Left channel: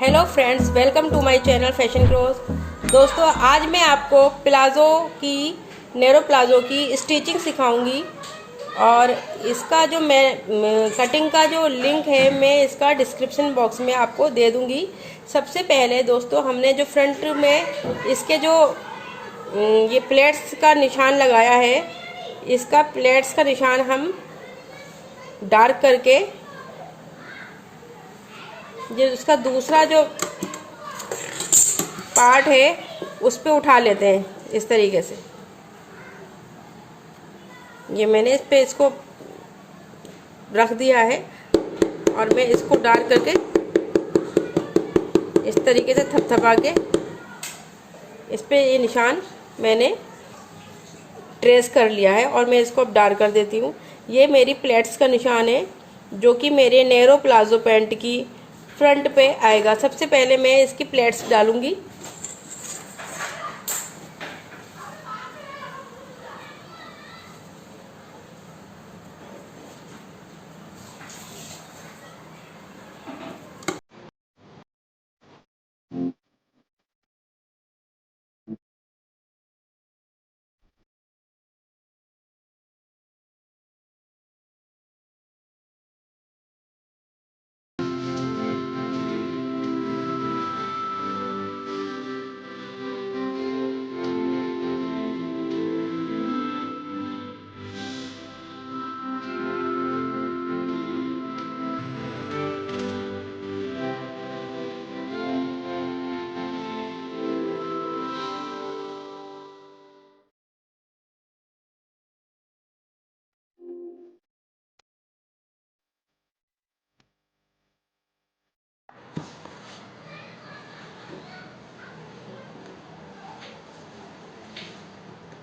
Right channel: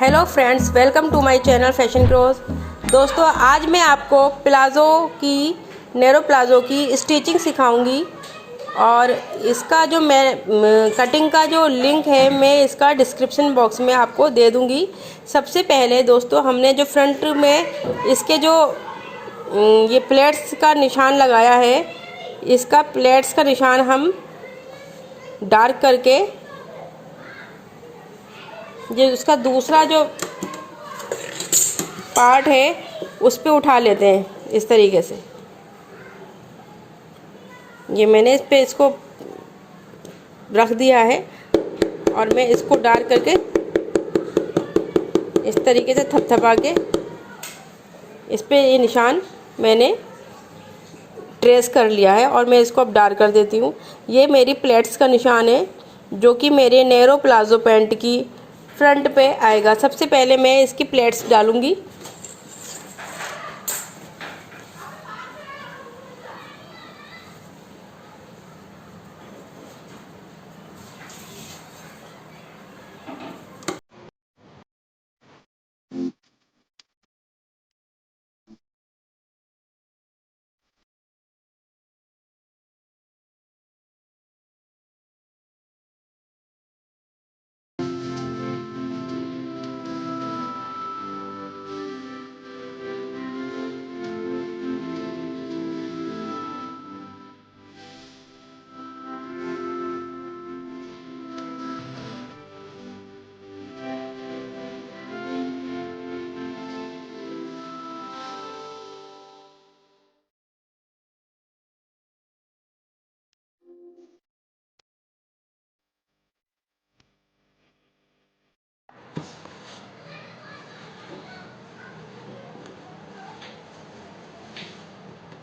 Hello friends, welcome to my channel Fashion Crows. दोस्तों, आज मैं आपको नैरो प्लाज़ो की स्टिचिंग सिखाऊंगी और इसका जो मैं कटिंग का जो लिंक है मैं इसका डिस्क्रिप्शन बॉक्स में आपको दे दूंगी। सबसे पहले दोस्तों, हमने जो फ्रंट में इसके जो ये प्लेट्स का निशान लगाया है, इसका प्लेट्स का निशान हम डार्क करके जो इसका दूसरा जो पार्ट है उस पे उठा लेते हैं इस तरीके से। ये मैंने इस पे इसको रख दिया है और मैं इसको डार्क करके इस तरीके से थपथपा के इस पे ये निशान मैंने ट्रेस कर लिया है और मैं इसको अब डार्क कर देती हूँ। ये मेरी प्लेट्स का निशान है जो कि मेरे नैरो प्लाजो पैंट की फ्रंट पे आएगा। सबसे पहले मैं इसकी प्लेट्स डालूंगी।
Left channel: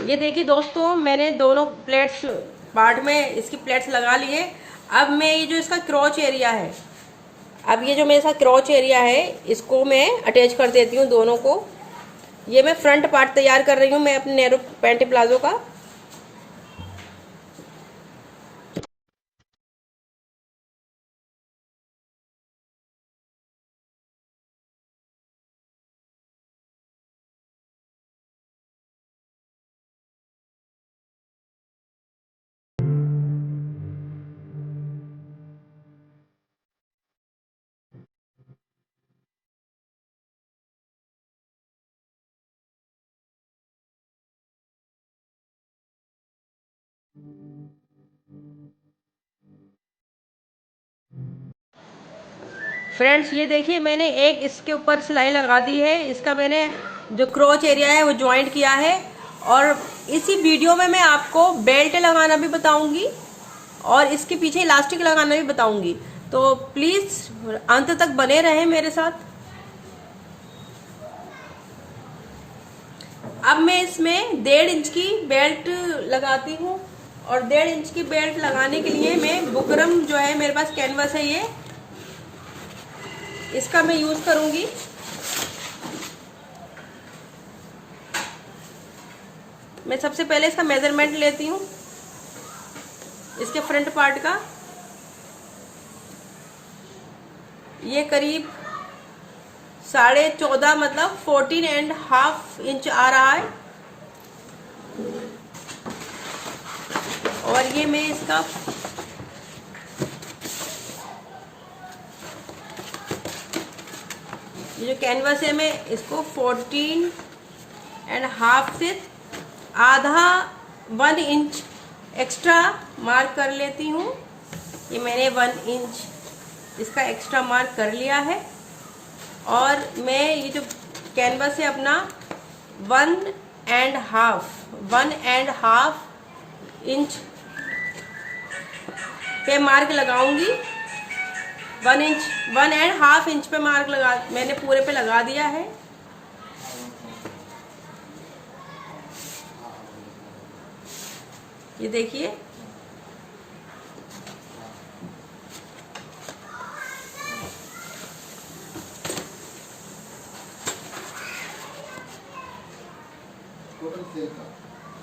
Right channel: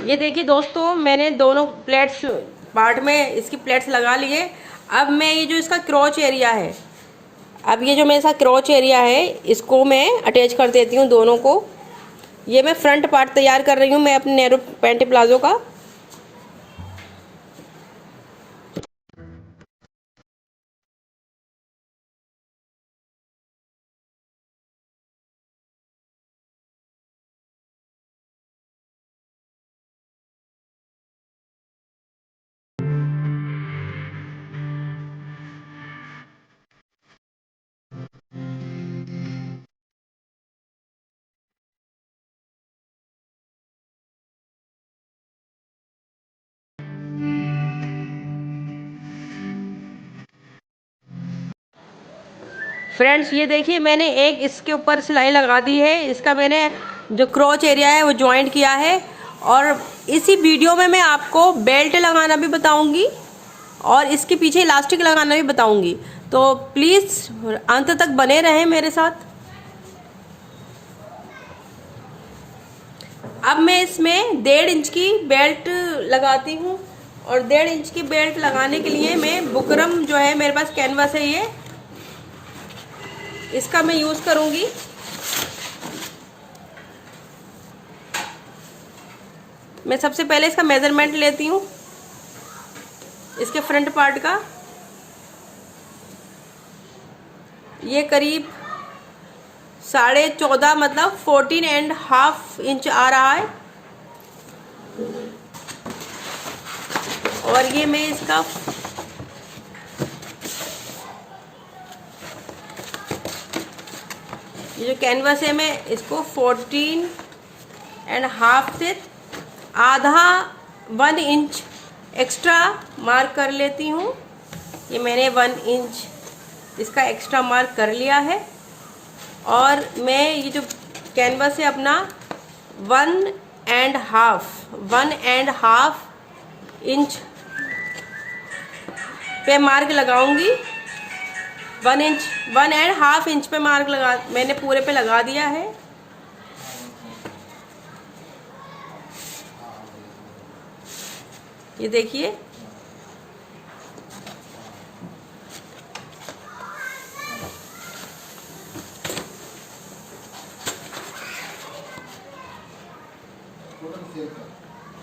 ये देखिए दोस्तों, मैंने दोनों प्लेट्स पार्ट में इसकी प्लेट्स लगा लिए। अब मैं ये जो इसका क्रॉच एरिया है, अब ये जो मेरे साथ क्रॉच एरिया है इसको मैं अटैच कर देती हूँ दोनों को। ये मैं फ्रंट पार्ट तैयार कर रही हूँ मैं अपने नैरो पैंट प्लाजो का। फ्रेंड्स, ये देखिए मैंने एक इसके ऊपर सिलाई लगा दी है। इसका मैंने जो क्रॉच एरिया है वो ज्वाइंट किया है और इसी वीडियो में मैं आपको बेल्ट लगाना भी बताऊंगी और इसके पीछे इलास्टिक लगाना भी बताऊंगी। तो प्लीज अंत तक बने रहें मेरे साथ। अब मैं इसमें 1.5 इंच की बेल्ट लगाती हूँ और 1.5 इंच की बेल्ट लगाने के लिए मैं बुकरम जो है मेरे पास कैनवास है, ये इसका मैं यूज करूंगी। मैं सबसे पहले इसका मेजरमेंट लेती हूँ इसके फ्रंट पार्ट का। ये करीब 14.5 मतलब 14.5 इंच आ रहा है और ये मैं इसका ये जो कैनवास है मैं इसको 14.5 से आधा 1 इंच एक्स्ट्रा मार्क कर लेती हूँ। ये मैंने 1 इंच इसका एक्स्ट्रा मार्क कर लिया है और मैं ये जो कैनवास है अपना 1.5 इंच पे मार्क लगाऊंगी। 1.5 इंच पे मार्क मैंने पूरे पे लगा दिया है। ये देखिए,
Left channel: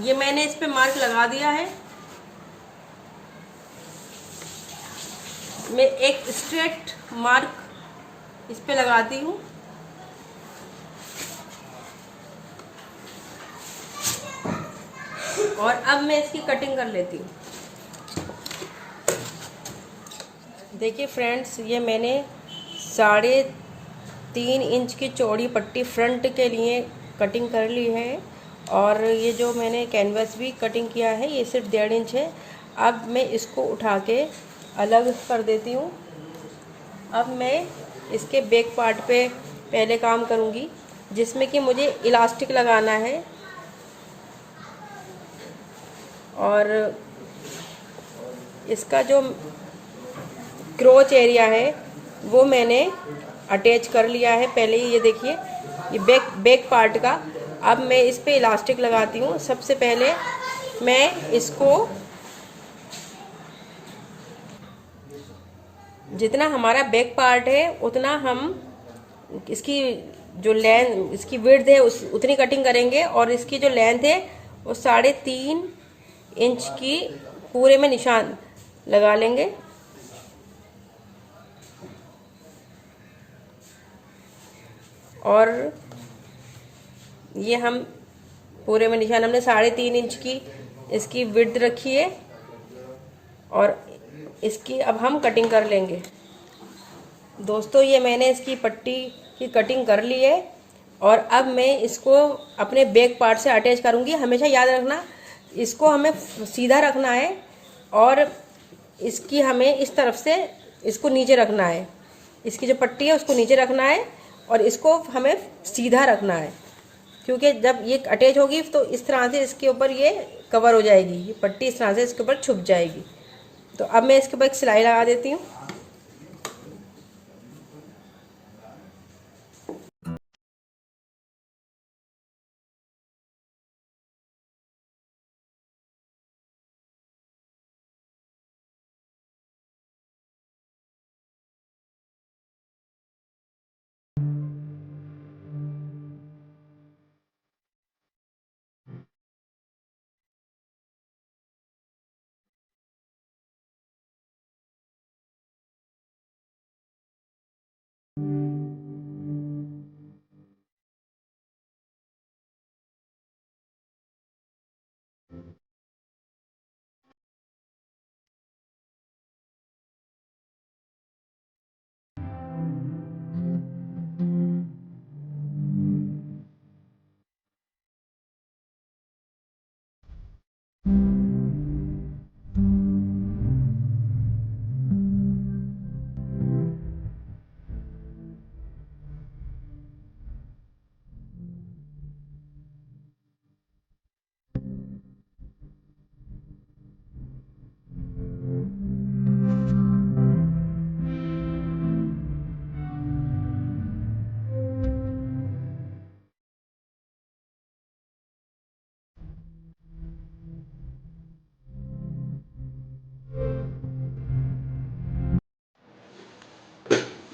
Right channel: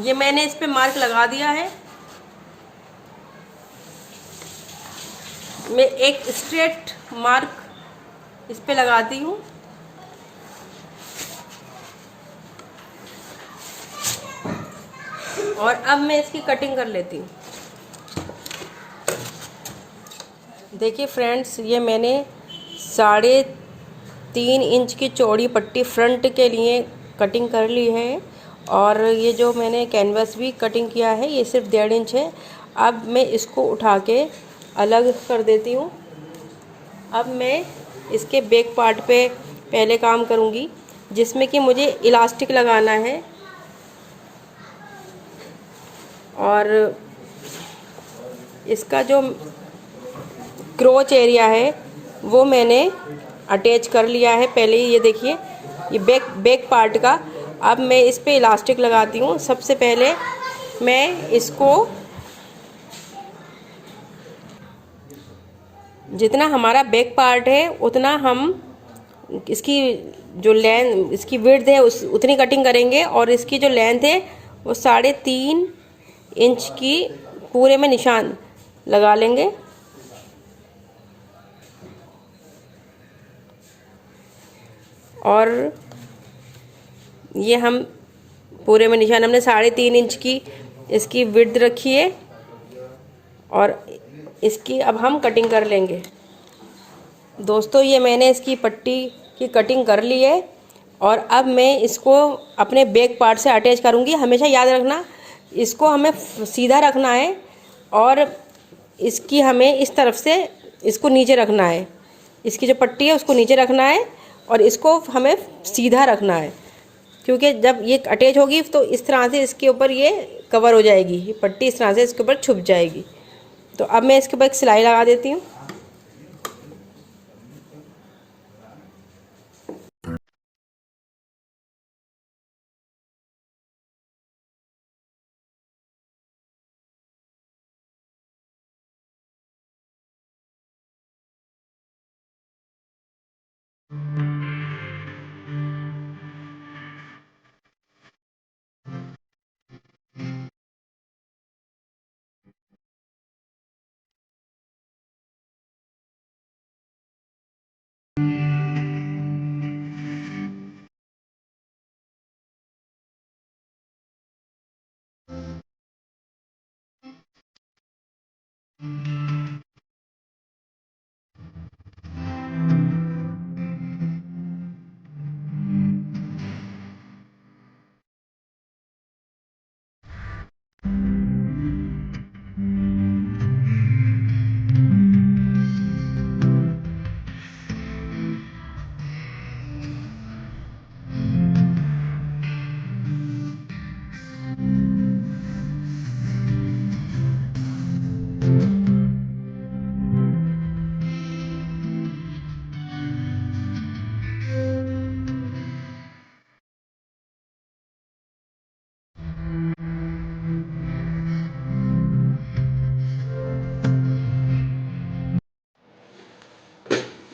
ये मैंने इस पे मार्क लगा दिया है। मैं एक स्ट्रेट मार्क इस पे लगाती हूँ। और अब मैं इसकी कटिंग कर लेती हूँ। देखिए फ्रेंड्स, ये मैंने 3.5 इंच की चौड़ी पट्टी फ्रंट के लिए कटिंग कर ली है। और ये जो मैंने कैनवस भी कटिंग किया है ये सिर्फ 1.5 इंच है। अब मैं इसको उठा के अलग कर देती हूँ। अब मैं इसके बैक पार्ट पे पहले काम करूँगी, जिसमें कि मुझे इलास्टिक लगाना है। और इसका जो क्रोच एरिया है वो मैंने अटैच कर लिया है पहले ही। ये देखिए, ये बैक पार्ट का। अब मैं इस पे इलास्टिक लगाती हूँ। सबसे पहले मैं इसको, जितना हमारा बैक पार्ट है उतना हम इसकी जो लेंथ, इसकी विड्थ है उतनी कटिंग करेंगे। और इसकी जो लेंथ है वो 3.5 इंच की पूरे में निशान लगा लेंगे। और ये हम पूरे में निशान, हमने 3.5 इंच की इसकी विड्थ रखी है। और इसकी अब हम कटिंग कर लेंगे। दोस्तों, ये मैंने इसकी पट्टी की कटिंग कर ली है। और अब मैं इसको अपने बैक पार्ट से अटैच करूँगी। हमेशा याद रखना, इसको हमें सीधा रखना है और इसकी हमें इस तरफ से इसको नीचे रखना है। इसकी जो पट्टी है उसको नीचे रखना है और इसको हमें सीधा रखना है, क्योंकि जब ये अटैच होगी तो इस तरह से इसके ऊपर ये कवर हो जाएगी, ये पट्टी इस तरह से इसके ऊपर छुप जाएगी। तो अब मैं इसके ऊपर एक सिलाई लगा देती हूँ।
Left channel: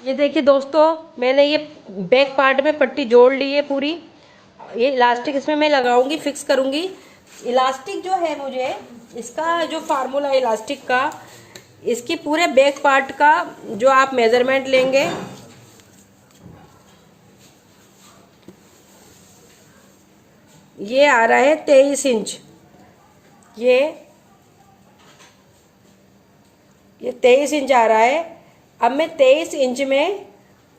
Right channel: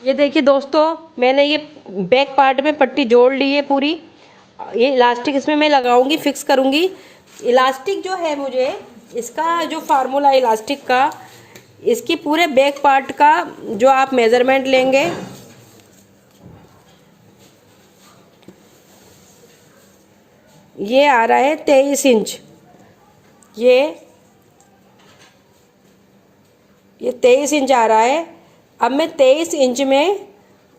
ये देखिए दोस्तों, मैंने ये बैक पार्ट में पट्टी जोड़ ली है पूरी। ये इलास्टिक इसमें मैं लगाऊंगी, फिक्स करूंगी। इलास्टिक जो है, मुझे इसका जो फार्मूला है इलास्टिक का, इसकी पूरे बैक पार्ट का जो आप मेजरमेंट लेंगे, ये आ रहा है 23 इंच। ये 23 इंच आ रहा है। अब मैं 23 इंच में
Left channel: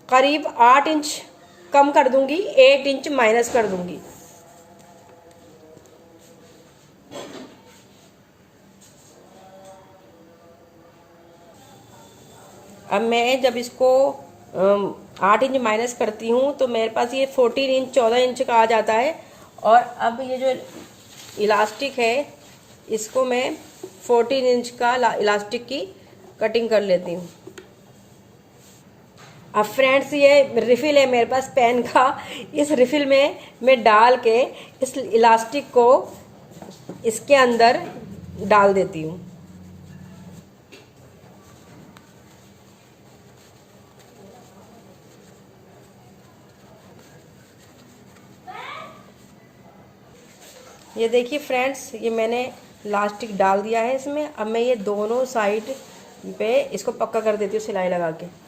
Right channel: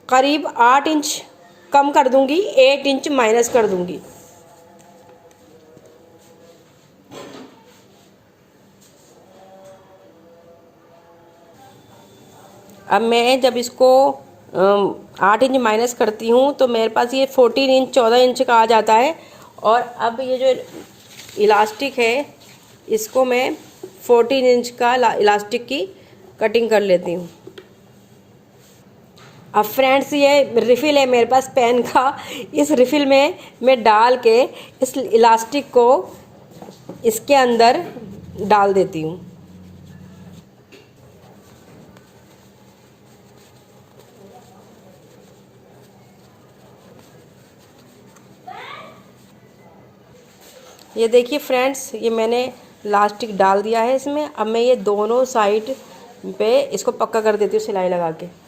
करीब 8 इंच कम कर दूंगी, 8 इंच माइनस कर दूंगी। अब मैं जब इसको 8 इंच माइनस करती हूँ तो मेरे पास ये 14 इंच 14 इंच का आ जाता है। और अब ये जो इलास्टिक है इसको मैं 14 इंच का इलास्टिक की कटिंग कर लेती हूँ। अब फ्रेंड्स, ये रिफ़िल है मेरे पास पेन का। इस रिफ़िल में मैं डाल के इस इलास्टिक को इसके अंदर डाल देती हूँ। ये देखिए फ्रेंड्स, ये मैंने इलास्टिक डाल दिया है इसमें। अब मैं ये दोनों साइड पे इसको पक्का कर देती हूँ सिलाई लगा के।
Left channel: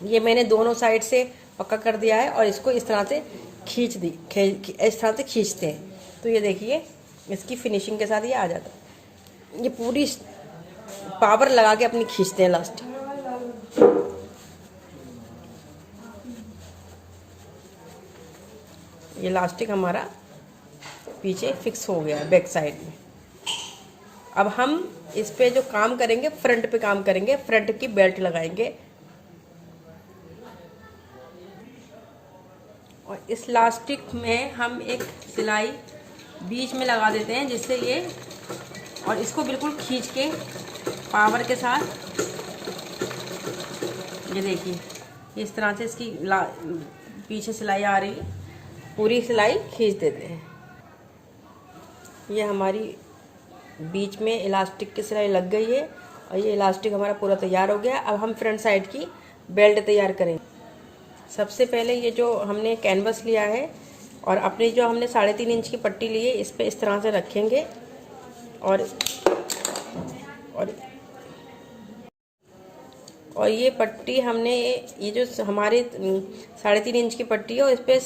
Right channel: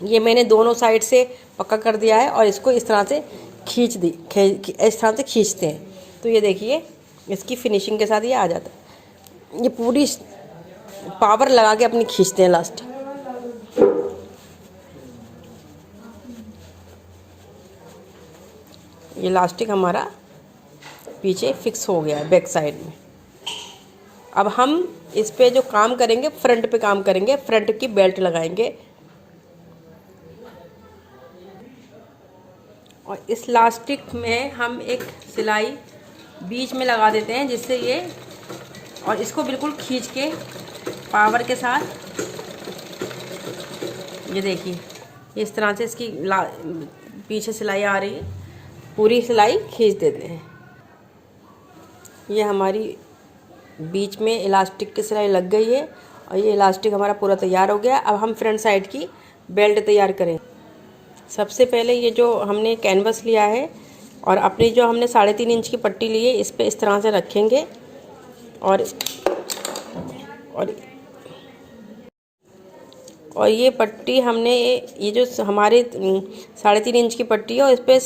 ये मैंने दोनों साइड से पक्का कर दिया है और इसको इस तरह से इस तरह से खींचते हैं तो ये देखिए इसकी फिनिशिंग के साथ ये आ जाता है। ये पूरी पावर लगा के अपनी खींचते हैं लास्ट। ये इलास्टिक हमारा पीछे फिक्स हो गया है बैक साइड में। अब हम इस पे जो काम करेंगे फ्रंट पे काम करेंगे, फ्रंट की बेल्ट लगाएंगे और इस इलास्टिक में हम एक सिलाई बीच में लगा देते हैं जिससे ये, और इसको बिल्कुल खींच के पावर के साथ ये देखिए इस तरह से इसकी पीछे सिलाई आ रही है, पूरी सिलाई खींच देते हैं। ये हमारी बीच में इलास्टिक की सिलाई लग गई है और ये इलास्टिक हमारा पूरा तैयार हो गया। अब हम फ्रंट साइड की बेल्ट तैयार करें। सबसे पहले ये जो हमने कैनवस लिया है और अपनी जो हमने 3.5 इंच की पट्टी ली है इस पे इस तरह से रखेंगे और ये पट्टी हमने, ये जो हमारी 3.5 इंच की पट्टी है और इस पर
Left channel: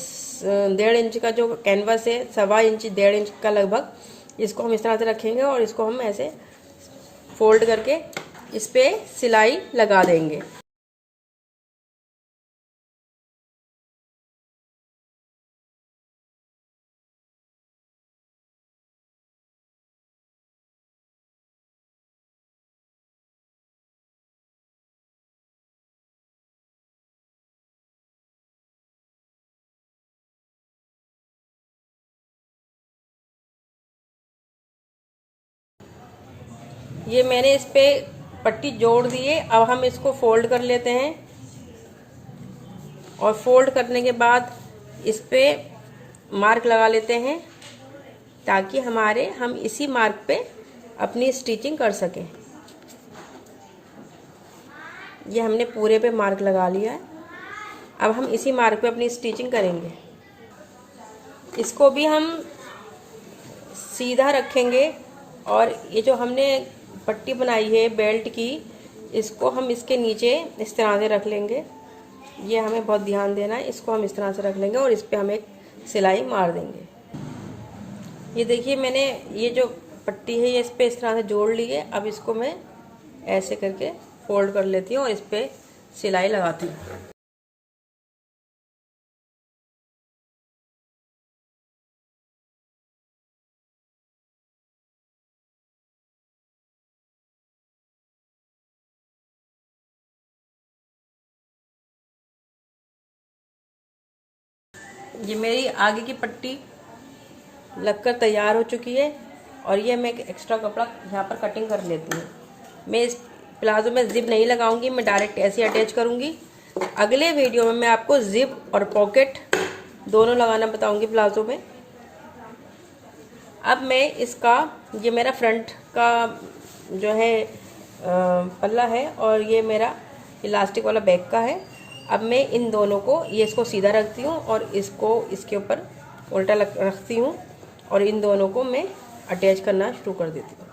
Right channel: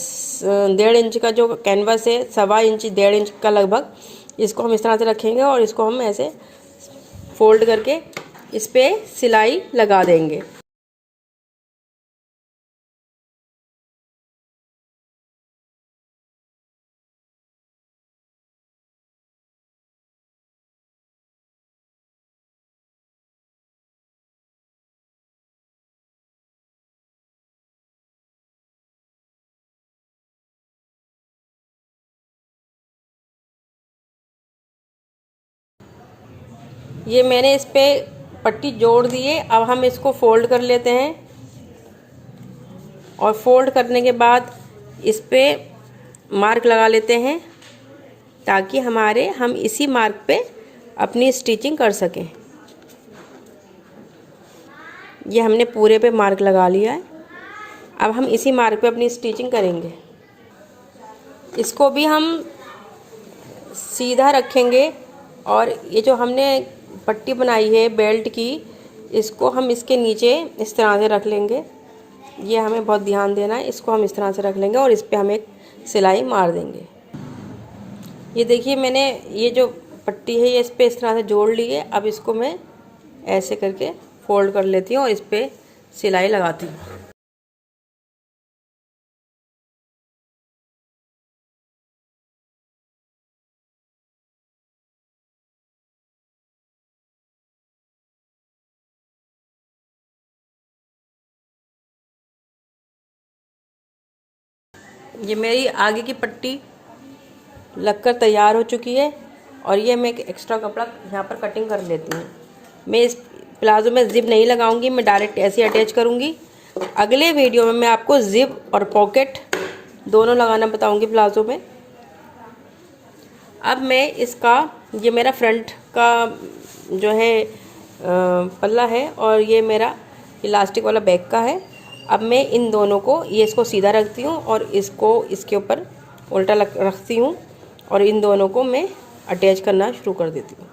1.5 इंच का जो कैनवस है, 1.25 इंच 1.5 इंच का लगभग, इसको हम इस तरह से रखेंगे और इसको हम ऐसे फोल्ड करके इस पर सिलाई लगा देंगे। ये मैंने इस पे पट्टी जोड़ दी है। अब हम इसको फोल्ड कर लेते हैं और फोल्ड करने के बाद इस पे मार्क लगा लेते हैं ताकि हम इसी मार्क पे अपनी स्टिचिंग कर सकें। ये हमने पूरे पे मार्क लगा लिया है। अब हम इसी मार्क पे अपनी स्टिचिंग करेंगे। इसको भी हम सीधा रखेंगे और ये जो हमने पट्टी बनाई है बेल्ट की, इसको हम इसके नीचे इस तरह से रख लेंगे। ये हमें बहुत ध्यान देना है। इसको हम इस तरह से रख लेंगे और इस पे हम एक सिलाई मार देंगे। ये देखिए मैंने ये जो पट्टी है ये इस पे इस तरह से जोड़ ली है। अब इसको मैं ऐसे करके फोल्ड कर लेती हूँ और इस पे सिलाई लगाती हूँ। ये मेरी आगे की पट्टी लगकर तैयार हो चुकी है और ये मैं एक एक्स्ट्रा कपड़ा यहाँ पर कटिंग कर लेती हूँ। मैं इस प्लाजो में जिप नहीं लगाऊंगी, मैं डायरेक्ट ऐसे अटैच करूँगी। अगले वीडियो में मैं आपको जिप और पॉकेट दोनों लगाना बताऊँगी प्लाजो में। अब मैं इसका, ये मेरा फ्रंट का जो है पल्ला है और ये मेरा इलास्टिक वाला बैक का है। अब मैं इन दोनों को, ये इसको सीधा रखती हूँ और इसको इसके ऊपर उल्टा रखती हूँ और इन दोनों को मैं अटैच करना शुरू कर देती हूँ।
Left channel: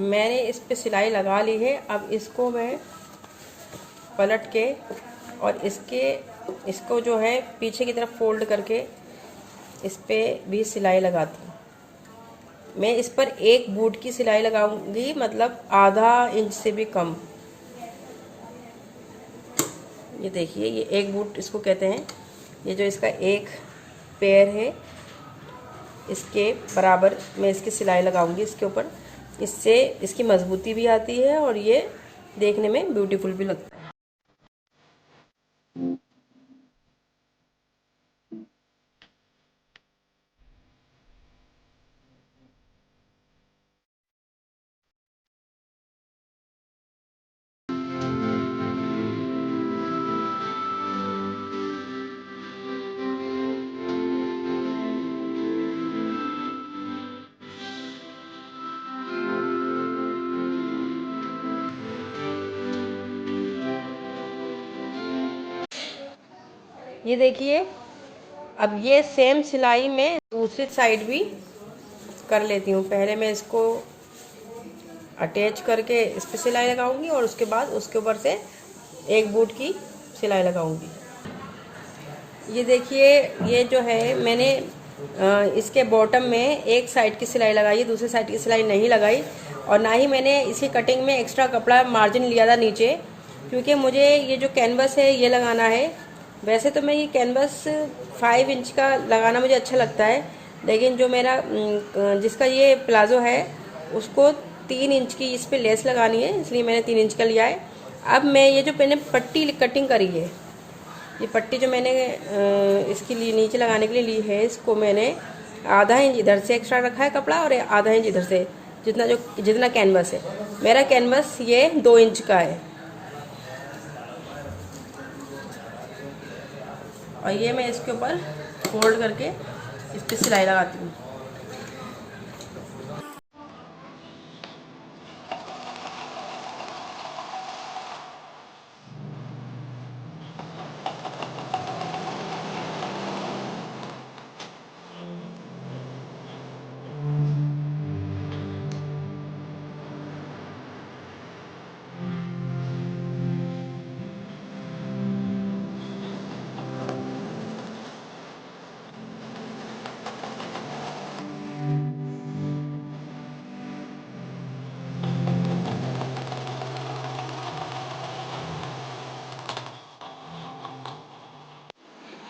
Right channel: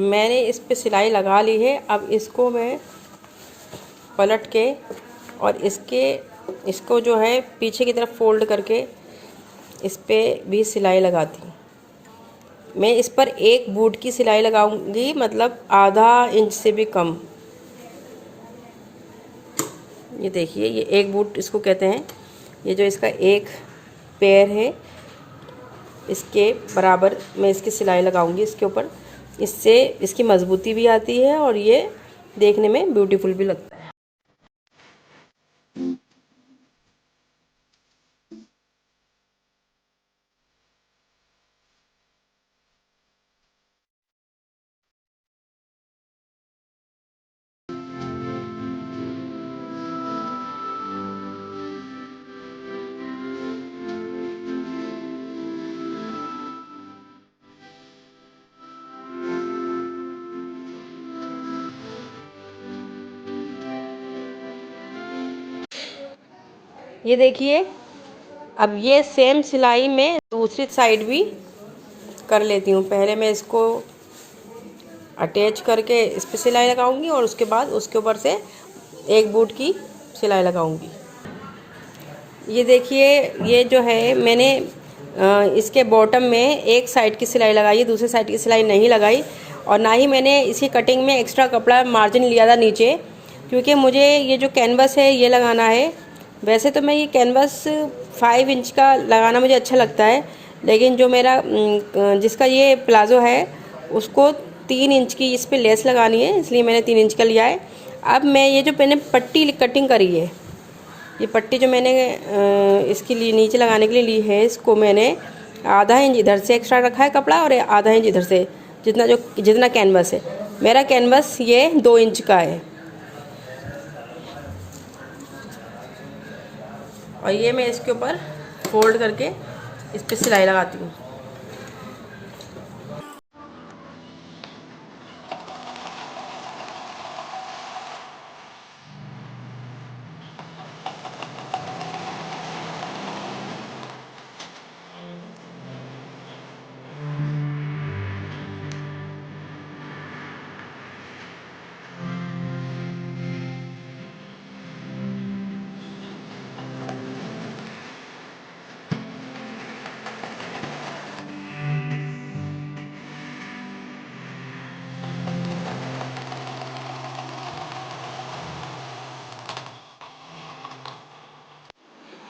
मैंने इस पे सिलाई लगा ली है। अब इसको मैं पलट के और इसको जो है पीछे की तरफ फोल्ड करके इस पे भी सिलाई लगाती हूँ। मैं इस पर एक बूट की सिलाई लगाऊंगी, मतलब ½ इंच से भी कम। ये देखिए ये एक बूट इसको कहते हैं। ये जो इसका एक पैर है इसके बराबर मैं इसकी सिलाई लगाऊंगी इसके ऊपर। इससे इसकी मजबूती भी आती है और ये देखने में ब्यूटीफुल भी लगता है। ये देखिए अब ये सेम सिलाई में दूसरी साइड भी कर लेती हूँ। पहले मैं इसको अटैच करके इस पे सिलाई लगाऊंगी और उसके बाद उसके ऊपर से एक बूट की सिलाई लगाऊंगी। ये देखिए, ये जो है मैंने इसके बॉटम में एक साइड की सिलाई लगाई है, दूसरी साइड की सिलाई नहीं लगाई। और ना ही मैंने इसकी कटिंग में एक्स्ट्रा कपड़ा मार्जिन लिया था नीचे, क्योंकि मुझे ये जो कैनवस है ये लगाना है। वैसे तो मैं ये कैनवस 5 इंच का लगाना मुझे अच्छा लगता है, लेकिन जो मेरा जिसका ये प्लाज़ो है उसको 3 इंच की इस पर लेस लगानी है, इसलिए मैंने 3 इंच का लिया है। अब मैं ये जो मैंने पट्टी कटिंग करी है, ये पट्टी जो मैंने इसके लिए नीचे लगाने के लिए ली है, इसको मैंने आधा इंच इधर से एक्स्ट्रा रखा है कपड़ा और आधा इंच इधर से, जितना कैनवस है। मेरा कैनवस ये 2 इंच का है। और ये मैं इसके ऊपर फोल्ड करके इस पर सिलाई लगाती हूँ।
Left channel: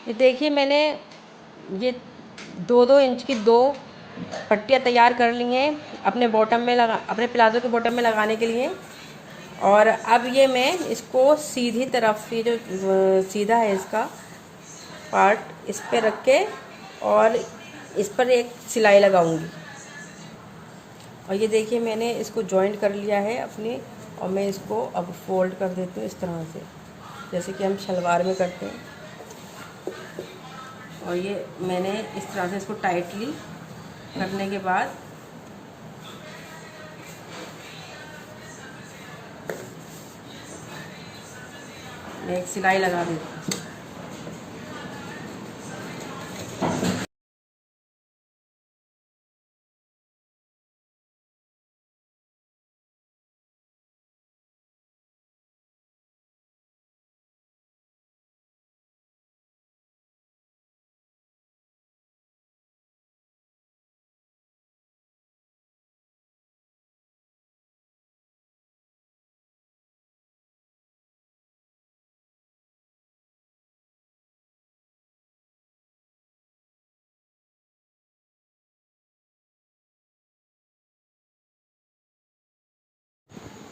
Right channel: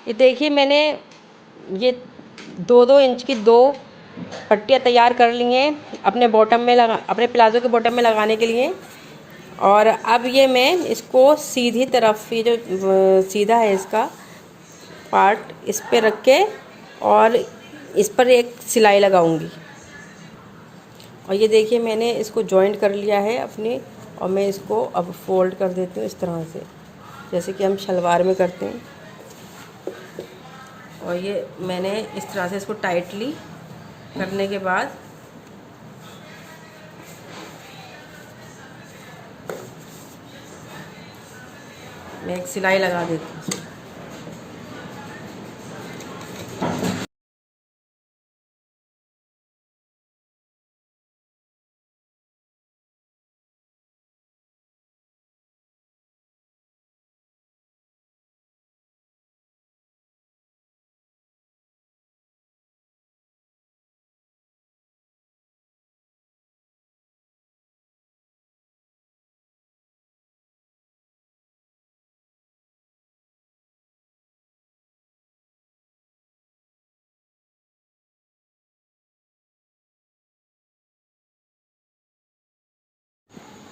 ये देखिए, मैंने ये 2-2 इंच की 2 पट्टियाँ तैयार कर ली हैं अपने बॉटम में अपने प्लाज़ो के बॉटम में लगाने के लिए। और अब ये मैं इसको सीधी तरफ, ये जो सीधा है इसका पार्ट, इस पे रख के और इस पर एक सिलाई लगाऊंगी। और ये देखिए, मैंने इसको जॉइंट कर लिया है अपने, और मैं इसको अब फोल्ड कर देती हूँ इस तरह से, जैसे कि हम शलवार में करते हैं। और ये मैंने इस तरह से इसको टाइटली करने के बाद मैं एक सिलाई लगा देती हूँ।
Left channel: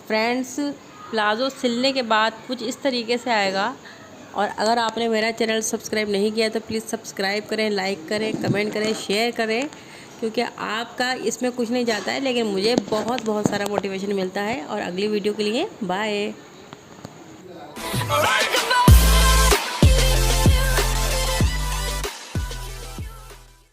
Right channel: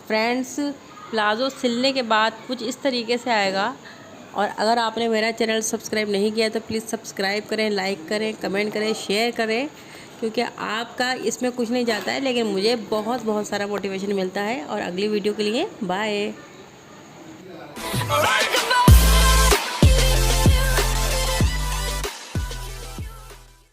फ्रेंड्स, प्लाज़ो सिलने के बाद कुछ इस तरीके से आएगा। और अगर आपने मेरा चैनल सब्सक्राइब नहीं किया तो प्लीज़ सब्सक्राइब करें, लाइक करें, कमेंट करें, शेयर करें, क्योंकि आपका इसमें कुछ नहीं जाता है, लेकिन मुझे बहुत बहुत सारा मोटिवेशन मिलता है। और अगली वीडियो के लिए बाय।